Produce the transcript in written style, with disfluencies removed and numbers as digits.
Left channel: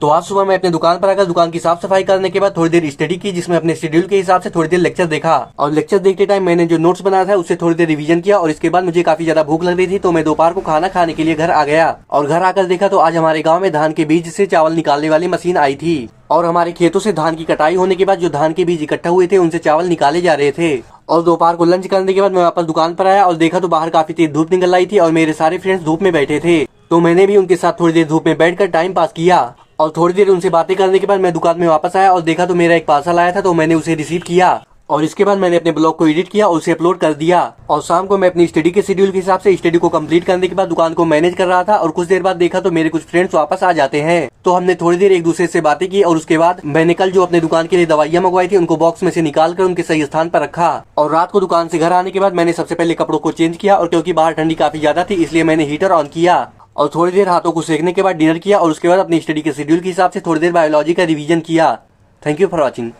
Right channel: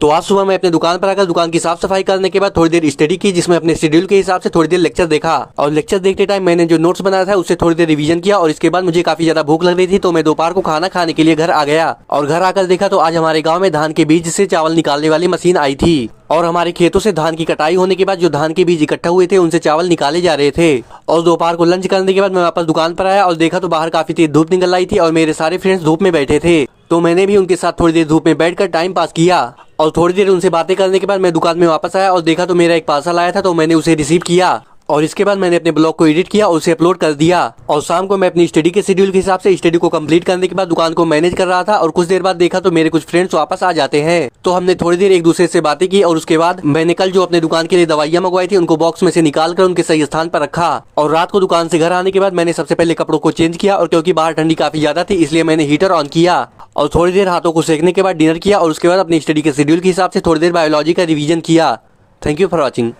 तो आज सुबह मैं अपने दुकान पर आकर दुकान की साफ सफाई करने के बाद थोड़ी देर स्टडी की, जिसमें अपने शेड्यूल के हिसाब से थोड़ी देर लेक्चर देखा। और लेक्चर देखते टाइम मैंने जो नोट्स बनाया था उससे थोड़ी देर रिवीजन किया। और इसके बाद मुझे काफी ज्यादा भूख लग रही थी, तो मैं दोपहर को खाना खाने के लिए घर आ गया। और घर आकर देखा तो आज हमारे गाँव में धान के बीज से चावल निकालने वाली मशीन आई थी। और हमारे खेतों से धान की कटाई होने के बाद जो धान के बीज इकट्ठा हुए थे उनसे चावल निकाले जा रहे थे। और दोपहर को लंच करने के बाद मैं वापस दुकान पर आया और देखा तो बाहर काफी तेज धूप निकल आई थी और मेरे सारे फ्रेंड्स धूप में बैठे थे। तो मैंने भी उनके साथ थोड़ी देर धूप में बैठकर टाइम पास किया। और थोड़ी देर उनसे बातें करने के बाद मैं दुकान में वापस आया और देखा तो मेरा एक पार्सल आया था, तो मैंने उसे रिसीव किया। और इसके बाद मैंने अपने ब्लॉग को एडिट किया और उसे अपलोड कर दिया। और शाम को मैं अपनी स्टडी के शेड्यूल के हिसाब से स्टडी को कंप्लीट करने के बाद दुकान को मैनेज कर रहा था। और कुछ देर बाद देखा तो मेरे कुछ फ्रेंड्स वापस आ जाते हैं, तो हमने थोड़ी देर एक दूसरे से बातें की। और उसके बाद मैंने कल जो अपने दुकान के लिए दवाइयाँ मंगवाई थी उनको बॉक्स में से निकाल कर उनके सही स्थान पर रखा। और रात को दुकान से घर आने के बाद मैंने सबसे पहले कपड़ों को चेंज किया, और क्योंकि बाहर ठंडी काफी ज्यादा थी इसलिए मैंने हीटर ऑन किया। और थोड़ी देर हाथों को सेकने के बाद डिनर किया। और उसके बाद अपनी स्टडी के शेड्यूल के हिसाब से थोड़ी देर बायोलॉजी का रिवीजन किया। Thank you for watching.